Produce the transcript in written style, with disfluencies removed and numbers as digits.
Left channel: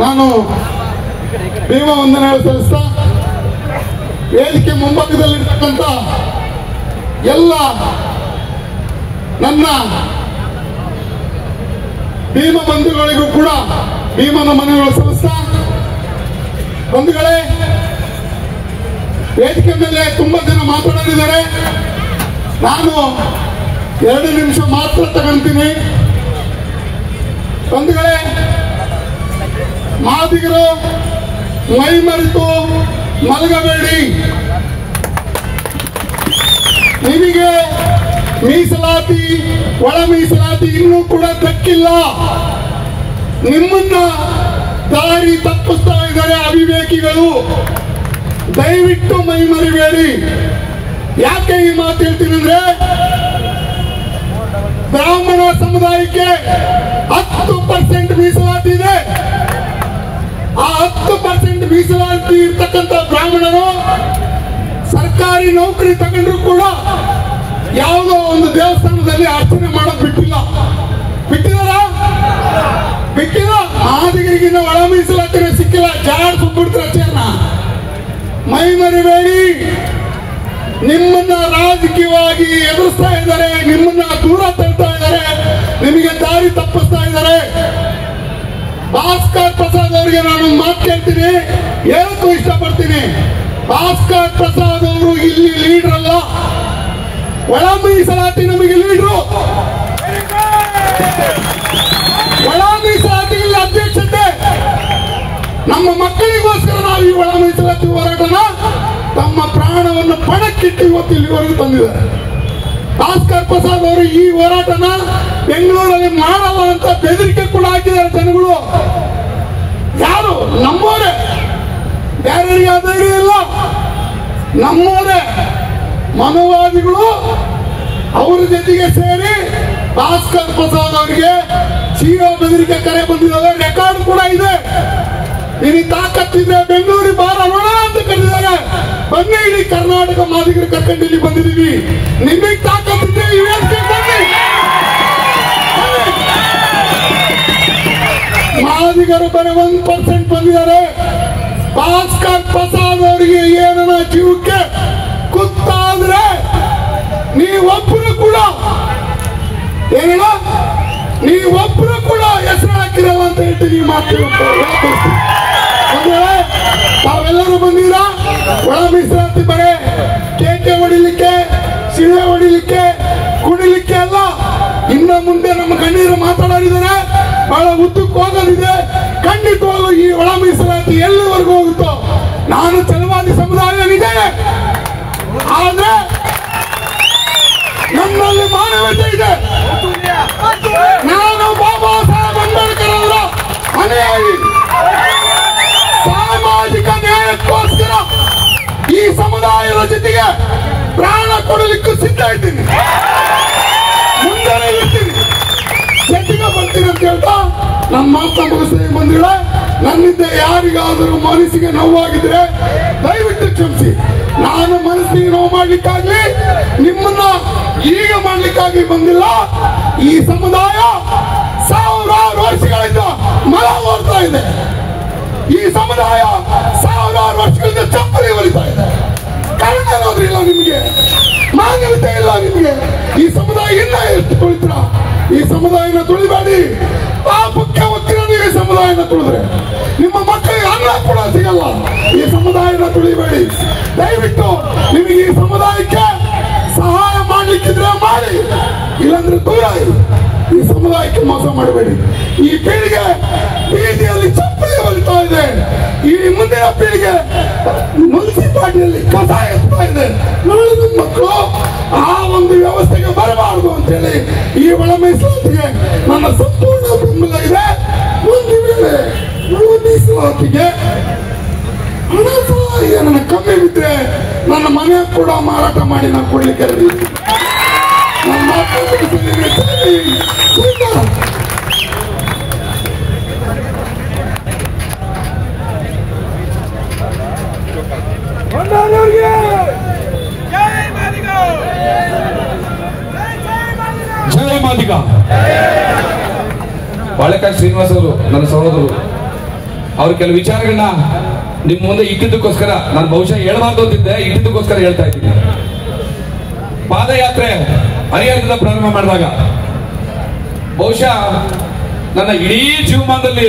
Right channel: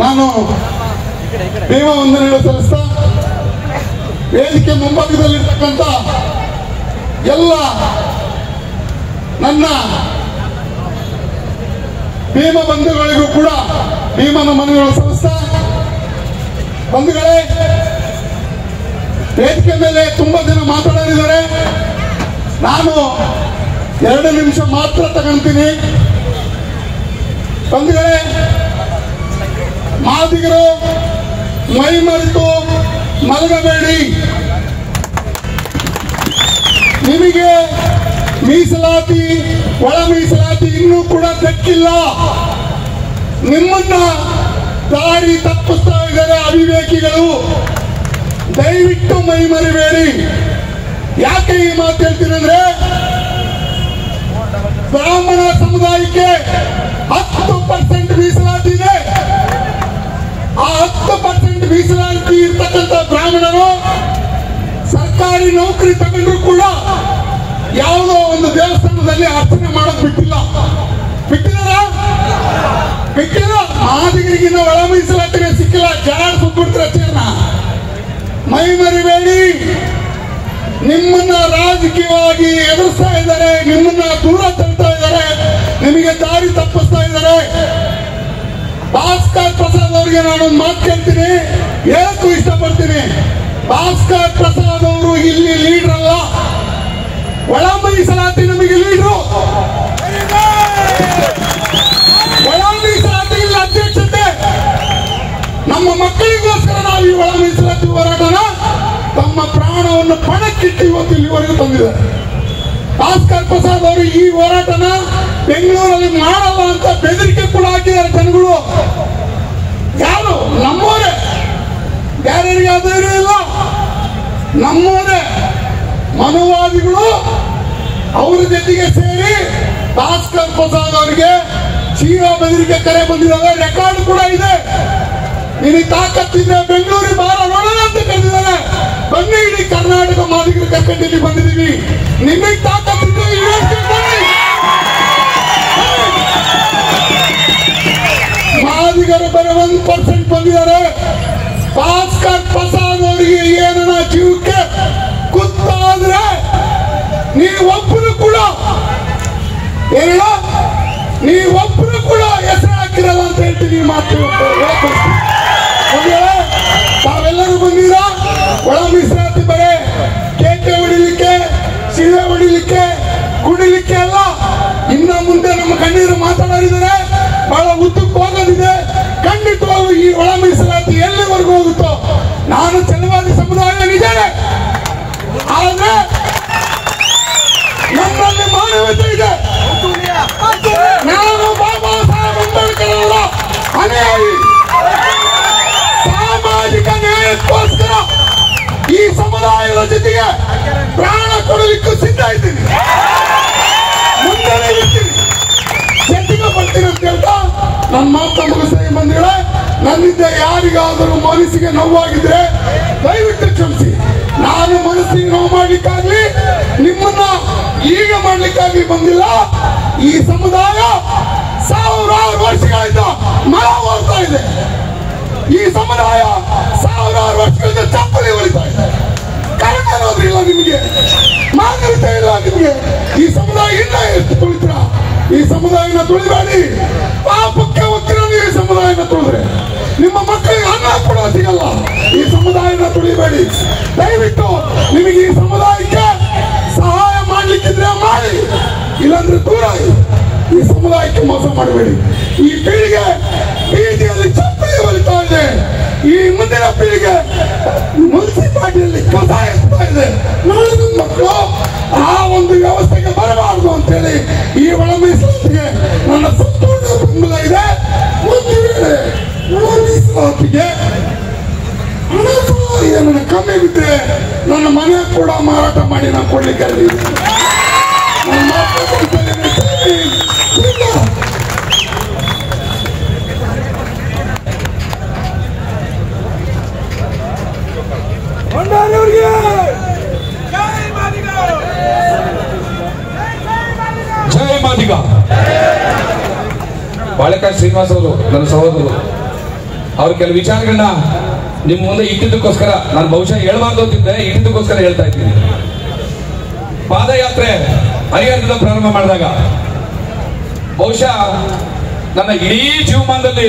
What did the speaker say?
ನಾನು ಭೀಮ ವಂದನೆಗಳು ಸಲ್ಲಿಸ್ತಾ ವೇದಿಕೆ ಮುಂಭಾಗದಲ್ಲಿರ್ತಕ್ಕಂಥ ಎಲ್ಲ ನನ್ನ ಭೀಮ ಬಂಧುಗಳಿಗೂ ಕೂಡ ಭೀಮನ ಮನವಿಗಳು ಸಲ್ಲಿಸ್ತಾ, ಬಂಧುಗಳೇ, ವೇದಿಕೆ ಮೇಲೆ ತುಂಬಾ ಜನ ಮಾತಾಡಿದ್ದಾರೆ. ನಾನು 2 ನಿಮಿಷ ಮಾತ್ರ ತಗೊಂತೀನಿ. ಬಂಧುಗಳೇ, ಮಾದಿಗರು ಮೈ ಮರೆತು ಮಲಗಬೇಡಿ. ನಿಮಗೆ ಮೀಸಲಾತಿ, ಒಳ ಮೀಸಲಾತಿ ಇನ್ನೂ ಕೂಡ ದಕ್ಕಿಲ್ಲ. ನಿಮ್ಮನ್ನ ದಾರಿ ತಪ್ಪಿಸ್ತಾ ಇದ್ದಾರೆ ಅವಿವೇಕಿಗಳು. ದಯವಿಟ್ಟು ಮೈ ಮರಿಬೇಡಿ. ಯಾಕೆ ಈ ಮಾತು ಹೇಳ್ತೀನಿ ಅಂದ್ರೆ, ಬ್ರಾಹ್ಮಣ ಸಮುದಾಯಕ್ಕೆ 10% ಮೀಸಲಾತಿ ಇದೆ. ಆ 10% ಮೀಸಲಾತಿ ಇರ್ತಕ್ಕಂಥ ಬ್ರಾಹ್ಮಣರು ಸರ್ಕಾರಿ ನೌಕರಿ ತಗೊಂಡ್ರು ಕೂಡ ಯಾವುದೋ ಒಂದು ದೇವಸ್ಥಾನದಲ್ಲಿ ಅರ್ಚನೆ ಮಾಡೋದು ಬಿಟ್ಟಿಲ್ಲ. ಬಿಟ್ಟಿಲ್ಲ. ಮಾದಿಗರಿಗಿನ್ನ ಒಳ ಮೀಸಲಾತಿನೇ ಸಿಕ್ಕಿಲ್ಲ. ಜಾಡ್ ಸುಬ್ಬಿಡ್ತಾರೆ ಚೇರ್ನ. ಮೈ ಮರಿಬೇಡಿ. ನಿಮ್ಮನ್ನ ರಾಜಕೀಯವಾಗಿ ಎದುರಿಸ್ತಾ ಇದ್ದಾರೆ, ನಿಮ್ಮನ್ನ ದೂರ ತಳ್ತಾ ಇದ್ದಾರೆ, ನಿಮಗೆ ದಾರಿ ತಪ್ಪಿಸ್ತಾ ಇದ್ದಾರೆ. ಭಾಸ್ಕರ್ ಪ್ರಸಾದ್ ಅವರಿಗೆ ನಾನು ಮಾತು ಕೇಳ್ತೀನಿ, ಹೇಳಕ್ಕೂ ಇಷ್ಟಪಡ್ತೀನಿ. ಭಾಸ್ಕರ್ ಪ್ರಸಾದ್ ಅವರು ಇಲ್ಲಿ ಲೀಡರ್ ಅಲ್ಲ, ಒಳ ಮೀಸಲಾತಿ ನಮಗೆ ಲೀಡ್ರು. ಒಳ ಮೀಸಲಾತಿ ಅಧ್ಯಕ್ಷತೆ. ನಮ್ಮ ಮಕ್ಕಳಿಗೋಸ್ಕರ ನಾವು ಈ ಒಳ ಮೀಸಲಾತಿ ಹೋರಾಟನ ತಮ್ಮ ಪ್ರಾಣವನ್ನು ಪಣಕ್ಕಿಟ್ಟು ಇವತ್ತು ಇಲ್ಲಿವರೆಗೂ ತಂದಿದ್ದಾರೆ. ಭಾಸ್ಕರ್ ಪ್ರಸಾದ್ ಅವರು ಈ ಹೋರಾಟನ ಬೆಂಗಳೂರಲ್ಲಿ ಮಾಡಲ್ಲ ಅಂತ ಬೆದರಿಕೆ ಕೂಡ ಹಾಕಿದ್ದಾರೆ ಜನಗಳು. ಯಾರು? ನಮ್ಮವರೇ. ಬೇರೆಯವರಿಗೆ ಅಧೈರ್ಯ ಇಲ್ಲ. ನಮ್ಮವರೇ ಮನುವಾದಿಗಳು ಅವರ ಜೊತೆಗೆ ಸೇರಿ ಭಾಸ್ಕರ್ ಪ್ರಸಾದ್ ಅವರಿಗೆ ಜೀವ ಬೆದರಿಕೆ ಕರೆ ಬಂದಿದ್ದಾರೆ. ರೆಕಾರ್ಡ್ ಕೂಡ ಇದೆ. ನಿಮಗೆ ತಾಕತ್ತಿದ್ರೆ ಬೆಂಗಳೂರಿಗೆ ಬಾರ ನೋಡ ಅಂತ ಕರೆದಿದ್ದಾರೆ. ಬನ್ನಿ, ಇಡೀ ಕರ್ನಾಟಕ ಮಾದಿಗರು ಕರ್ಕೊಂಡು ಇಲ್ಲಿ ಬಂದಿದ್ದೀವಿ. ನಿಮಗೆ ತಾಕತ್ತಿದ್ರೆ ಬನ್ನಿ. ಮಾದಿಗರು ಬರೀ 1% ಬಂದಿದ್ದಾರೆ. ಭಾಸ್ಕರ್ ಪ್ರಸಾದ್ ಅವರಿಗೆ ಏನನ್ನ ಜೀವಕ್ಕೆ ಗೊತ್ತಾದ್ರೆ ನೀವೊಬ್ಬರು ಕೂಡ ನೀವೊಬ್ಬರು ಕೂಡ ಹೆಸರು ಹಾಕಿರಲ್ಲ ಅಂತ ಹೇಳ್ತೀನಿ. ಮಾತು ತಾವೆಲ್ಲರೂ ಬಂದಿರಾ ಒಳ ಮೀಸಲಾತಿ ಬರೇ ಕೇಕೆ ಹೊಡಿಲಿಕ್ಕೆ, ಸಿಹೆ ಹೊಡಿಲಿಕ್ಕೆ, ಕುಡಿಲಿಕ್ಕೆ ಅಲ್ಲ. ಇನ್ನ ಮುಂದೆ ನಮ್ಮ ಕಣ್ಣೀರು ಮಾತಾಡಿದರೆ ಬಹಳ ಉದ್ದಕ್ಕೆ ಹೋಗೋದಿದೆ. ಖಂಡಿತವಾಗೂ ಈ ಒಳ ಮೀಸಲಾತಿ ಎಲ್ಲಿವರೆಗೂ ಹೋಗುತ್ತೋ, ನಾನು ಛಲವಾದಿ ಸಮುದಾಯನಿದ್ದೇನೆ. ಆದ್ರೆ ನನ್ನಲ್ಲಿ ಮಾನವತೆ ಇದೆ. ನಾನು ಬಾಬಾ ಸಾಹೇಬ್ ಅಂಬೇಡ್ಕರ್ ಅವರ ಅನುಯಾಯಿ. ಸಾಮಾಜಿಕ ನ್ಯಾಯಕ್ಕೋಸ್ಕರ ಈ ಸಮುದಾಯದ ಜೊತೆಗೆ ಪ್ರಾಣ ಕೊಡಲಿಕ್ಕೂ ಸಿದ್ಧ ಇದ್ದೀನಿ. ಮುಂದೆ ಇರ್ತೀನಿ, ಜೊತೆಗೆ ಬರ್ತೀನಿ ಅಂತ ಹೇಳ್ತಾ ನನ್ನ ಮಾತು ಮುಗಿಸ್ತಾ ಬಂದಿಳೆ. ನನ್ನಿಂದ ಯಾರಿಗಾದರೂ ಮನಸ್ಸಿಗೆ ನೋವಾಗಿದ್ರೆ ದಯವಿಟ್ಟು ಕ್ಷಮಿಸಿ. ನಾನು ಮನಸ್ಸಿಗೆ ನೋವು ಮಾಡ್ಲಿಕ್ಕಾಗ್ಲಿ, ನಿಮ್ಮನ್ನ ಈಗ ಮಾಡ್ಲಿಕ್ಕಾಗಿ ಬಂದಿಲ್ಲ. ಈ ಸಮುದಾಯ 1000 ವರ್ಷಗಳಿಂದ ಮರ ಓಡ್ತಾ ಇದೆ. ಈ ಸಮುದಾಯ 1000 ವರ್ಷಗಳಿಂದ ಚಪ್ಪಲಿ ಹೊಲಿತಾ ಇದೆ. ಕರೆಂಟ್ ಅನ್ನೋದ್ರಿಲ್ಲ ನಿಮಗೆ, ಮಾನವತೆ ಇಲ್ಲ ನಿಮಗೆ. ಈ ಸಮುದಾಯ ಇಲ್ಲ ಎಷ್ಟು ತುಳಿತ್ರ. ಈ ಸಮುದಾಯನ ತುಳಿಬೇಡಿ. ಪಾಪಕ್ಕೆ ಒತ್ತಿರ ನೀವು ಈ ಸಮುದಾಯನ ತುಳಿದ್ರೆ ನಿಮ್ಮ ಮಕ್ಕಳಿಗೆ ಅನ್ನ ಕೂಡ ಸಿಗಲ್ಲ. ಈ ಸಮುದಾಯನ ತುಳಿಬೇಡಿ. ದಯವಿಟ್ಟು ನಿಮಗೆ ಈ ಸಮುದಾಯಕ್ಕೆ ಸಹಾಯ ಮಾಡ್ಲಿಕ್ಕಿದ್ರೆ ಮಾಡಿ, ಇಲ್ಲಾಂದ್ರೆ ದೂರ. ಈ ಸಮುದಾಯಕ್ಕೆ ಮೋಸ ಮಾಡಬೇಡಿ. ಈ ಪೀಳಿಗೆ ಬೀದಿಯಲ್ಲಿ ಚಪ್ಪಲಿ ಹೊಲಿತಾ ಇದೆ. ಈ ಮುಂದಿನ ಪೀಳಿಗೆ ಮುನ್ಸಿಪಾಲಿಟಿಯಲ್ಲಿ ಕಸ ಎತ್ತಾ ಇದೆ. ನಾಳಿನ ಮಕ್ಕಳು ಆ ಒಂದು ವ್ಯವಸ್ಥೆಗೆ ಬರಬಾರದು ಅಂತೇಳಿ ಈ ಒಳ ಮೀಸಲಾತಿಗೆ ನನ್ನ ಸಂಪೂರ್ಣ ಬೆಂಬಲ ಇದೆ. ಒಂದು ವೇಳೆ ಒಳ ಮೀಸಲಾತಿಗೆ ಹಣ ಏನನ್ನ ಕಮ್ಮಿ ಬಿದ್ದರೆ ನನ್ನ ಮನೆ ಕೂಡ ಮಾರಾಟ ಮಾಡಿ ನಾನು ಕೊಡ್ಲಿಕ್ಕೆ ಜಯ ಮಾದಿಗ. ಬಾಳೆಕಾಯಿ ಶ್ರೀನಿವಾಸ್ ಅವರು ನನ್ನ ಸಹೋದರರು. ಅವ್ರ ಕೆಲವು ವಿಚಾರಗಳನ್ನ ನಿಮ್ ಮುಂದೆ ಇಟ್ಟಿದ್ದಕ್ಕೋಸ್ಕರ ನಾನು ಬಹುಶಃ ಹೇಳ್ಬಾರ್ದು ಅಂತಿದ್ದೆ, ಇಟ್ಟಿದ್ದಕ್ಕೋಸ್ಕರ ಹೇಳ್ತಾ ಇದ್ದೀನಿ. ಪಾದಯಾತ್ರೆ ಹರಿಹರದಿಂದ ಪ್ರಾರಂಭ ಮಾಡಿದಾಗ ಬಹುಶಃ ನನ್ನ ಇಡೀ ಜೀವಮಾನದಲ್ಲಿ